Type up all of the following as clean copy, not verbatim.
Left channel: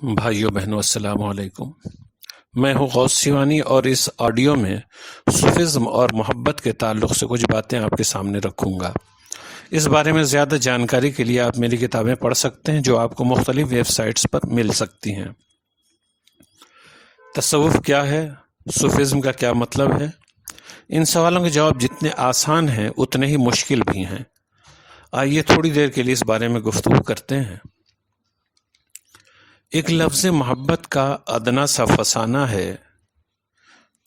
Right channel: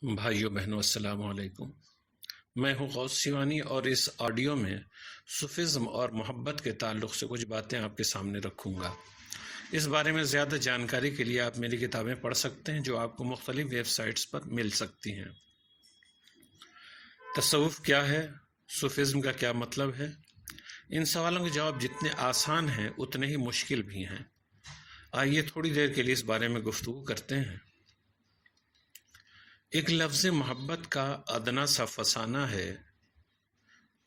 بھائیو بہنوں السلام علیکم۔ میں ہوں غوث سیوانی اور اس آڈیو میں صوفیزم اور محبت کے تعلق سے کچھ باتیں آپ کے سامنے رکھوں گا۔ اس بارے میں زیادہ جانکاری کے لیے آپ میری کتابیں پڑھ سکتے ہیں جو آپ کو مختلف ویب سائٹس پر مل سکتی ہیں۔ تصوف کیا ہے؟ صوفیزم کا کیا مطلب ہے؟ ان سوالوں کے جواب جتنے آسان ہیں اتنے ہی مشکل بھی ہیں۔ آئیے تھوڑی دیر کے لیے اس بارے میں گفتگو کرتے ہیں۔ ایک لفظ محبت کا ادنا سا فسانہ ہے،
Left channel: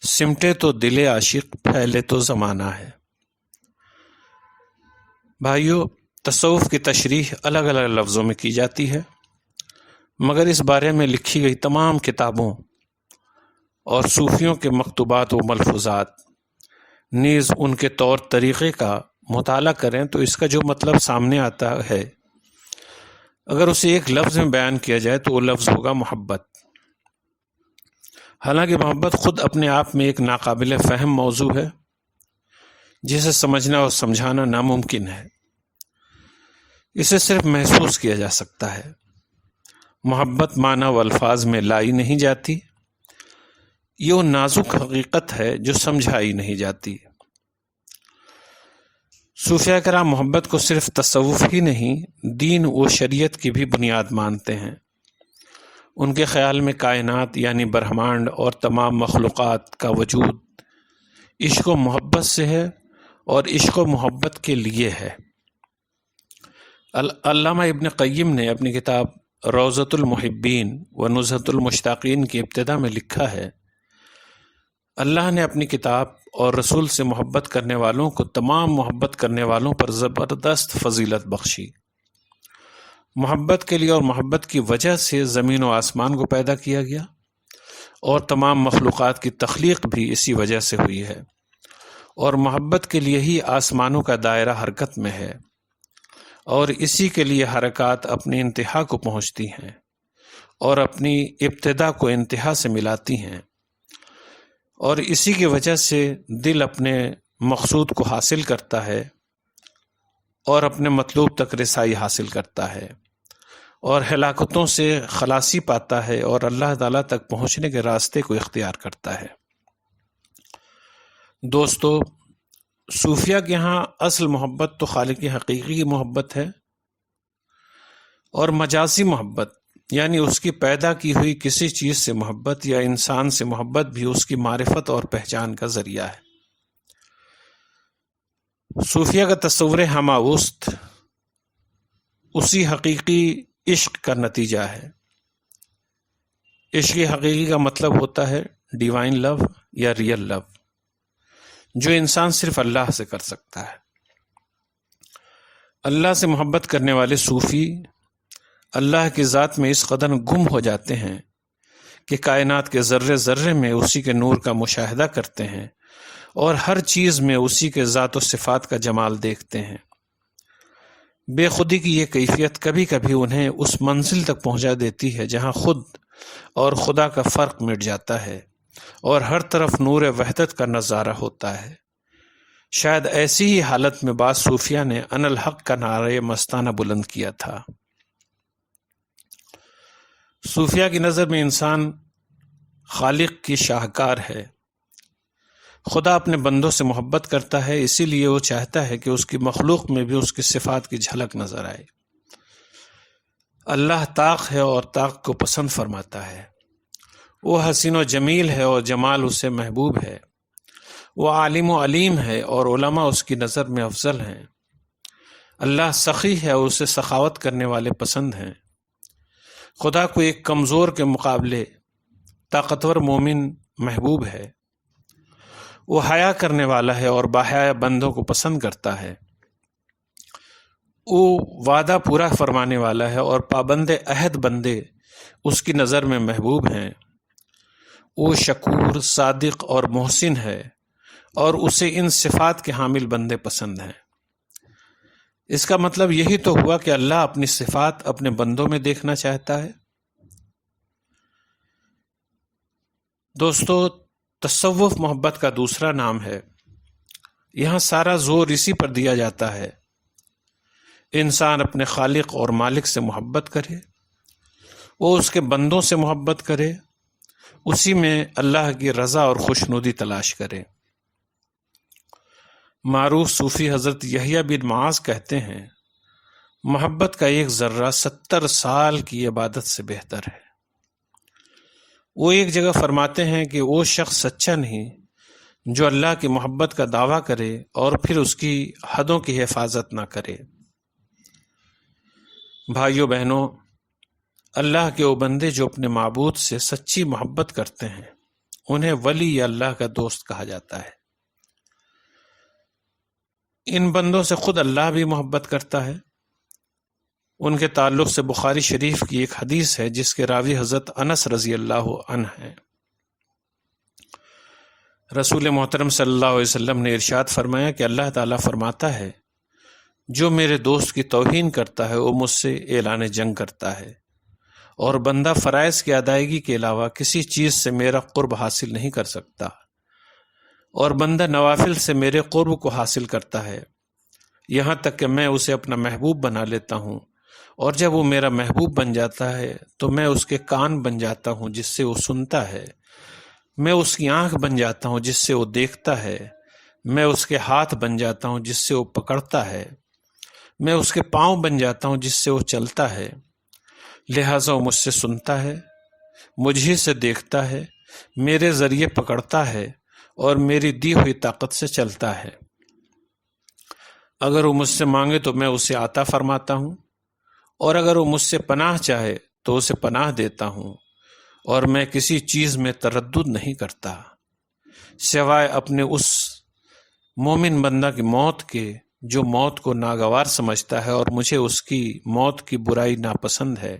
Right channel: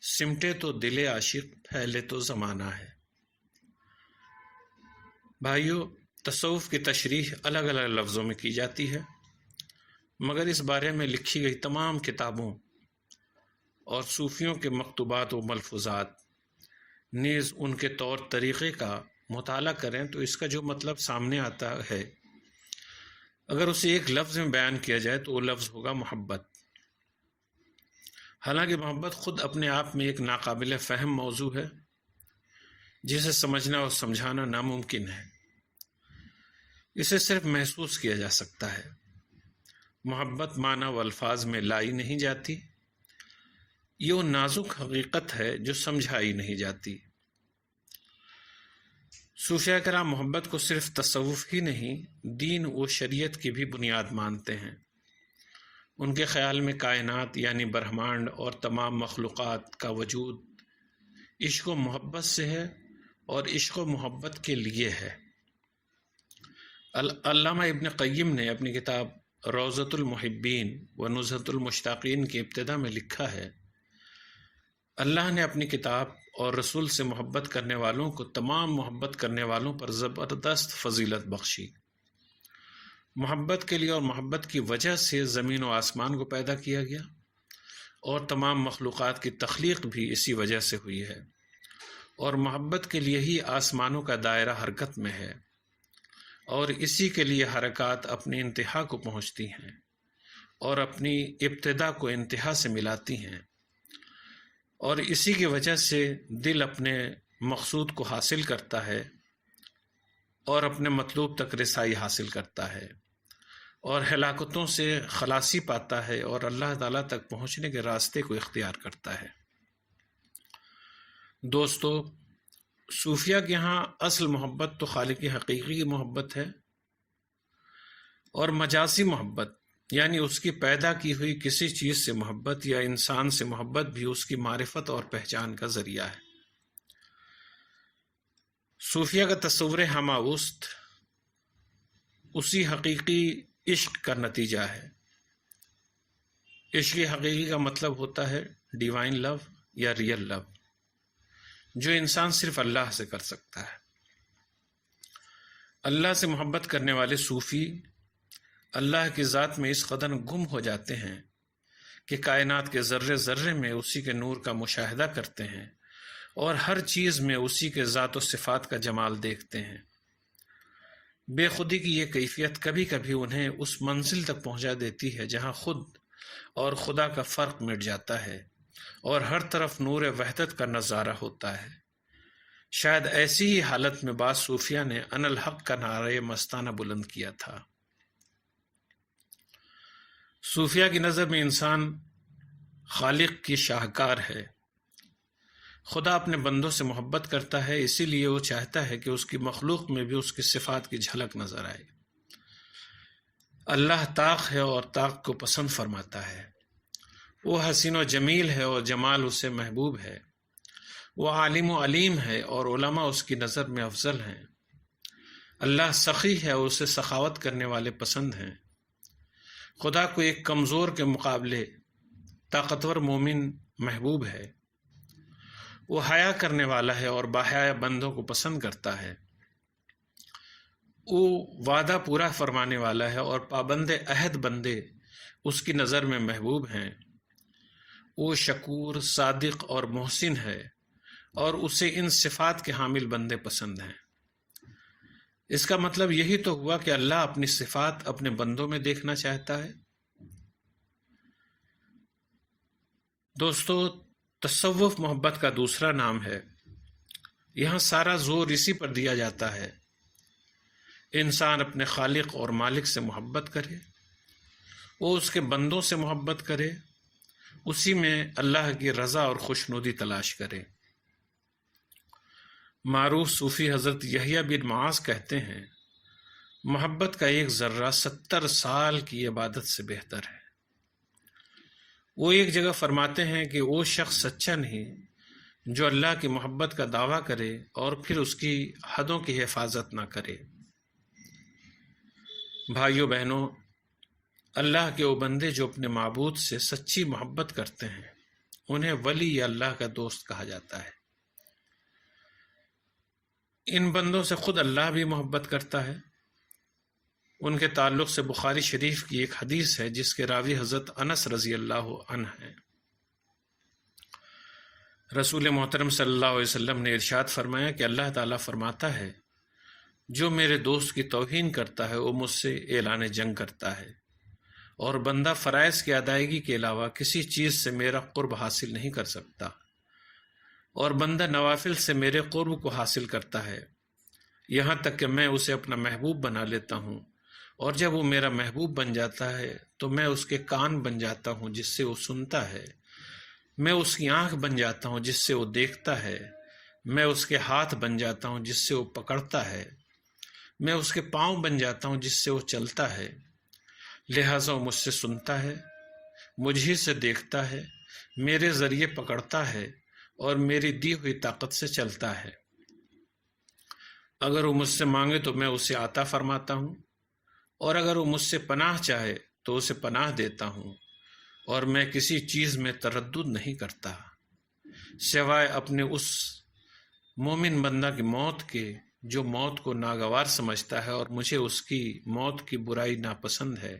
سمٹے تو دل عاشق پھیلے تو زمانہ ہے۔ بھائیو، تصوف کی تشریح الگ الگ لفظوں میں کی جاتی ہے، مگر اس بارے میں لکھی گئی تمام کتابوں اور صوفیوں کے مکتوبات و ملفوظات نیز ان کے طور طریقے کا مطالعہ کریں تو اس کا جو مطلب سامنے آتا ہے، اگر اسے ایک لفظ میں بیان کیا جائے تو وہ لفظ ہوگا محبت۔ حالانکہ محبت خود اپنے آپ میں ایک ناقابل فہم موضوع ہے جسے سمجھنا اور سمجھانا ناممکن ہے۔ اسے صرف محسوس کیا جا سکتا ہے۔ محبت معنی و الفاظ میں لائی نہیں جاتی، یہ وہ نازک حقیقت ہے جو سمجھائی نہیں جاتی۔ صوفیہ کرام محبت کو صرف تصوف ہی نہیں، دین و شریعت کی بھی بنیاد مانتے ہیں۔ ان کے خیال میں کائنات یعنی برہمانڈ اور تمام مخلوقات کا وجود عشق و محبت سے ہے اور عشق و محبت کے لیے ہے۔ علامہ ابن قیم نے اپنی کتاب روضۃ المحبین و نزہۃ المشتاقین کی ابتدا میں لکھا ہے، اللہ نے اپنی کتاب اور رسول سے محبت کرنے والوں کو تمام محبت کرنے والوں پر زبردست فضیلت بخشی۔ محبت کے لیے اور محبت کی وجہ سے زمین و آسمان کو پیدا کیا گیا اور تمام مخلوقات کی تخلیق بھی اسی وجہ سے ہوئی ہے، اور محبت کے لیے ہی آسمانوں کا دائرہ حرکت میں ہے، اور اسی کے لیے حرکات اپنی انتہا کو پہنچتی ہیں اور اپنی ابتدا کو انتہا سے ملاتی ہیں، اور اسی کی وجہ سے دل اپنے مقصود کو حاصل کرتا ہے اور اپنے مطلوب تک رسائی حاصل کرتا ہے اور ہلاکتوں سے خلاصی پاتا ہے اور اللہ تعالیٰ تک پہنچنے کے راستے کو اختیار کرتا ہے۔ دوستو، صوفیہ کے ہاں اصل محبت تو خالق حقیقی کی محبت ہے، اور مجازی محبت یعنی اس کی پیدا کی ہوئی کسی چیز سے محبت یا انسان سے محبت بھی اس کی معرفت اور پہچان کا ذریعہ ہے۔ صوفیہ کا تصور ہماوست اسی حقیقی عشق کا نتیجہ ہے۔ عشق حقیقی کا مطلب ہوتا ہے ڈیوائن لو یا ریئل لو، جو انسان صرف اللہ سے کر سکتا ہے۔ اللہ سے محبت کرنے والے صوفی اللہ کی ذات میں اس قدر گم ہو جاتے ہیں کہ کائنات کے ذرے ذرے میں اسی کے نور کا مشاہدہ کرتے ہیں اور ہر چیز میں اسی کے ذات و صفات کا جمال دیکھتے ہیں۔ بے خودی کی یہ کیفیت کبھی کبھی انہیں اس منزل تک پہنچا دیتی ہے جہاں خود اور خدا کا فرق مٹ جاتا ہے اور ہر طرف نور وحدت کا نظارہ ہوتا ہے۔ شاید ایسی ہی حالت میں بعض صوفیہ نے انا الحق کا نعرہ مستانہ بلند کیا تھا۔ صوفیہ کی نظر میں انسان خالق کی شاہکار ہے۔ خدا اپنے بندوں سے محبت کرتا ہے، اسی لیے وہ چاہتا ہے کہ اس کی مخلوق میں بھی اس کی صفات کی جھلک نظر آئے۔ اللہ طاق ہے اور طاق کو پسند فرماتا ہے۔ وہ حسین و جمیل ہے اور جمال اسے محبوب ہے۔ وہ عالم و علیم ہے اور علماء اس کی نظر میں افضل ہیں۔ اللہ سخی ہے اور اسے سخاوت کرنے والے پسند ہیں۔ خدا کو ایک کمزور کے مقابلے طاقتور مومن محبوب ہے۔ وہ حیا کرنے والا ہے اور باحیا بندوں کو پسند کرتا ہے۔ وہ وعدہ پورا فرمانے والا ہے اور پابند عہد بندے اس کی نظر میں محبوب ہیں۔ وہ شکور، صادق اور محسن ہے اور اسے ان صفات کے حامل بندے پسند ہیں۔ اس کا مطلب یہی تو ہوا کہ اللہ اپنی صفات اپنے بندوں میں دیکھنا چاہتا ہے۔ دوستو، تصوف محبت کا دوسرا نام ہے۔ یہاں سارا زور اسی پر دیا جاتا ہے، انسان اپنے خالق اور مالک سے محبت کرے وہ اس کے بندوں سے محبت کرے، اسی میں اللہ کی رضا اور خوشنودی تلاش کرے۔ معروف صوفی حضرت یحییٰ بن معاذ کہتے ہیں، محبت کا ایک ذرہ 70 سال کی عبادت سے بہتر ہے۔ وہ ایک جگہ فرماتے ہیں کہ وہ شخص سچا نہیں جو اللہ کی محبت کا دعویٰ کرے اور پھر اس کی حدوں کی حفاظت نہ کرے۔ بھائیوں بہنوں، اللہ کے وہ بندے جو اپنے معبود سے سچی محبت کرتے ہیں انہیں ولی یا اللہ کا دوست کہا جاتا ہے۔ ان بندوں سے خود اللہ بھی محبت کرتا ہے۔ ان کے تعلق سے بخاری شریف کی ایک حدیث ہے جس کے راوی حضرت انس رضی اللہ عنہ ہیں۔ رسول محترم صلی اللہ علیہ وسلم نے ارشاد فرمایا کہ اللہ تعالیٰ فرماتا ہے، جو میرے دوست کی توہین کرتا ہے وہ مجھ سے اعلان جنگ کرتا ہے، اور بندہ فرائض کی ادائیگی کے علاوہ کسی چیز سے میرا قرب حاصل نہیں کر سکتا، اور بندہ نوافل سے میرے قرب کو حاصل کرتا ہے، یہاں تک کہ میں اسے اپنا محبوب بنا لیتا ہوں، اور جب وہ میرا محبوب بن جاتا ہے تو میں اس کے کان بن جاتا ہوں جس سے وہ سنتا ہے، میں اس کی آنکھ بن جاتا ہوں جس سے وہ دیکھتا ہے، میں اس کے ہاتھ بن جاتا ہوں جس سے وہ پکڑتا ہے، میں اس کے پاؤں بن جاتا ہوں جس سے وہ چلتا ہے، لہٰذا وہ مجھ سے سنتا ہے، مجھ سے دیکھتا ہے، میرے ذریعے پکڑتا ہے اور میری دی ہوئی طاقت سے چلتا ہے۔ اگر وہ مجھ سے مانگے تو میں اسے عطا فرماتا ہوں، اور اگر وہ مجھ سے پناہ چاہے تو اسے پناہ دیتا ہوں، اور میں کسی چیز میں تردد نہیں کرتا سوائے اپنے اس مومن بندہ کی موت کے جو موت کو ناگوار سمجھتا ہے اور مجھے اس کی موت کی برائی ناپسند ہے،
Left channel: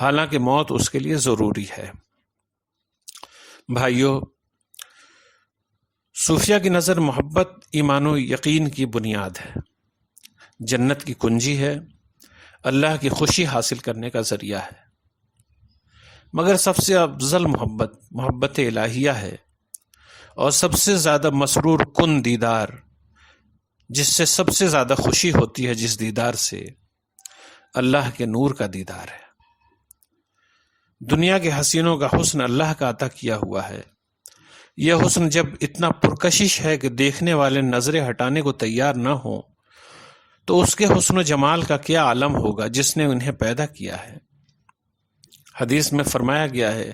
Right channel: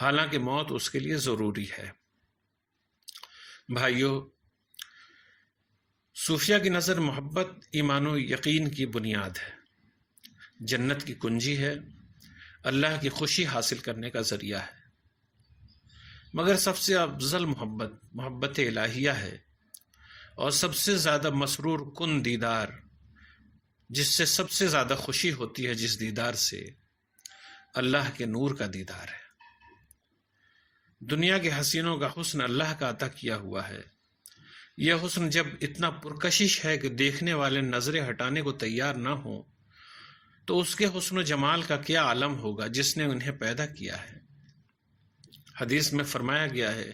حالانکہ موت اس کے لیے ضروری ہے۔ بھائیو، صوفیہ کی نظر محبت ایمان و یقین کی بنیاد ہے، جنت کی کنجی ہے، اللہ کی خوشی حاصل کرنے کا ذریعہ ہے۔ مگر سب سے افضل محبت الہیہ ہے، اور سب سے زیادہ مسرور کن دیدار، جس سے سب سے زیادہ خوشی ہوتی ہے، جس دیدار سے اللہ کے نور کا دیدار ہے۔ دنیا کے حسینوں کا حسن اللہ کا عطا کیا ہوا ہے۔ یہ حسن جب اتنا پرکشش ہے کہ دیکھنے والے نظریں ہٹانے کو تیار نہ ہوں تو اس کے حسن و جمال کا کیا عالم ہوگا جس نے انہیں پیدا کیا ہے۔ حدیث میں فرمایا گیا ہے،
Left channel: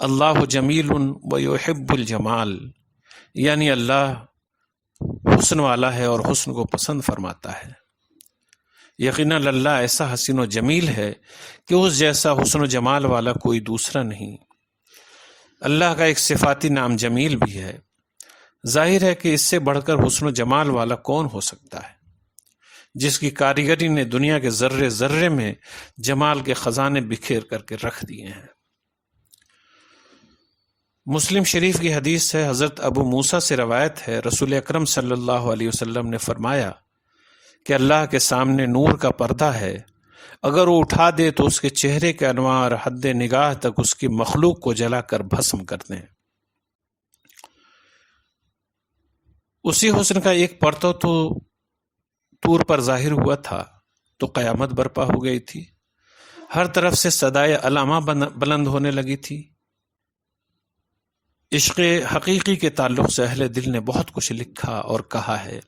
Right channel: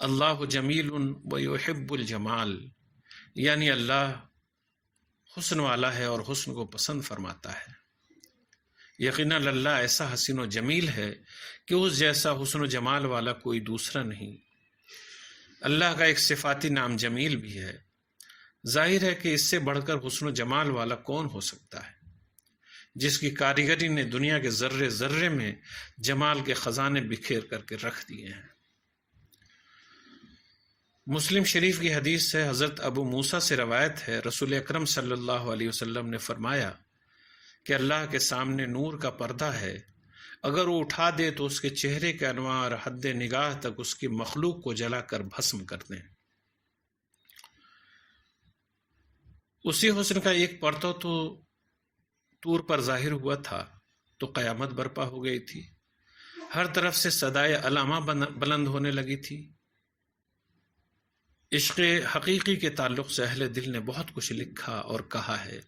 اللہ جمیل و یحب الجمال، یعنی اللہ حسن والا ہے اور حسن کو پسند فرماتا ہے۔ یقیناً اللہ ایسا حسین و جمیل ہے کہ اس جیسا حسن و جمال والا کوئی دوسرا نہیں۔ اللہ کا ایک صفاتی نام جمیل بھی ہے۔ ظاہر ہے کہ اس سے بڑھ کر حسن و جمال والا کون ہو سکتا ہے، جس کی کاریگری نے دنیا کے ذرے ذرے میں جمال کے خزانے بکھیر کر کے رکھ دیے ہیں۔ مسلم شریف کی حدیث ہے، حضرت ابو موسیٰ سے روایت ہے، رسول اکرم صلی اللہ علیہ وسلم نے فرمایا کہ اللہ کے سامنے نور کا پردہ ہے، اگر وہ اٹھا دے تو اس کے چہرے کے انوار حد نگاہ تک اس کی مخلوق کو جلا کر بھسم کر دیں۔ اسی حسن کا ایک پرتو تو طور پر ظاہر ہوا تھا تو قیامت برپا ہو گئی تھی، ہر طرف سے صدائے علامہ بلند ہونے لگی تھی۔ عشق حقیقی کے تعلق سے اہل دل نے بہت کچھ لکھا اور کہا ہے۔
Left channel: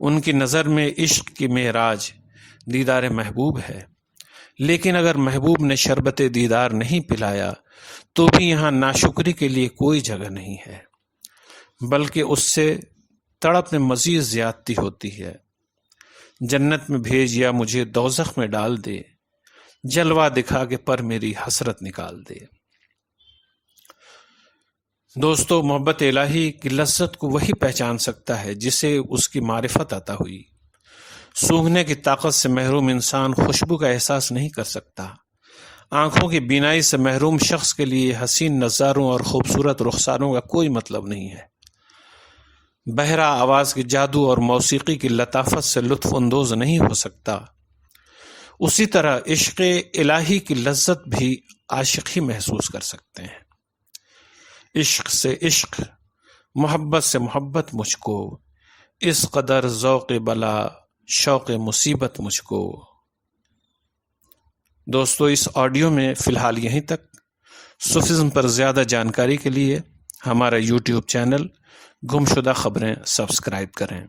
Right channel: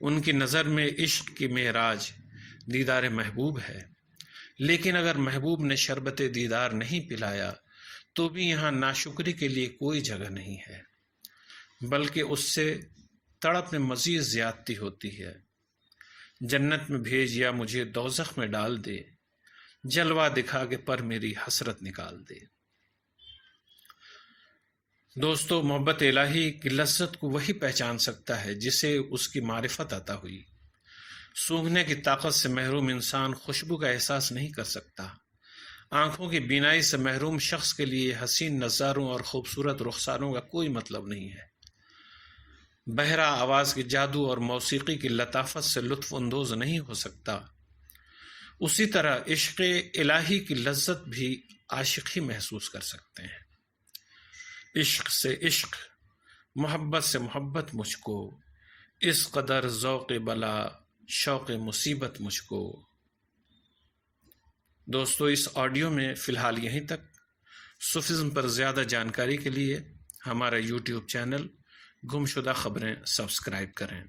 ان کی نظر میں عشق کی معراج دیدار محبوب ہے، لیکن اگر محبوب نے شربت دیدار نہیں پلایا تو بھی یہاں ناشکری کے لیے کوئی جگہ نہیں ہے، بلکہ اس سے تڑپ میں مزید زیادتی ہوتی ہے۔ جنت میں بھیج یا مجھے دوزخ میں ڈال دے، جلوہ دکھا کے پر میری حسرت نکال دے۔ دوستو، محبت الہی کی لذت کو وہی پہچان سکتا ہے جسے اس کی معرفت عطا ہوئی۔ سونگھنے کی طاقت سے محروم انسان خوشبو کا احساس نہیں کر سکتا۔ آنکھوں کی بینائی سے محروم شخص کے لیے حسین نظاروں اور خوبصورت رخساروں کا کوئی مطلب نہیں ہے۔ بہرا آواز کے جادو اور موسیقی کی لطافت سے لطف اندوز نہیں ہو سکتا۔ اسی طرح عشق الہی کی لذت بھی عاشق ہی محسوس کر سکتے ہیں۔ عشق سے عشق، محبت سے محبت مجھ کو، اس قدر ذوق بلا شوق مصیبت مجھ کو۔ دوستو، اس آڈیو میں فی الحال یہیں تک۔ صوفیزم پر زیادہ جانکاری کے لیے ہمارا یوٹیوب چینل گمشدہ خبریں سبسکرائب کریں۔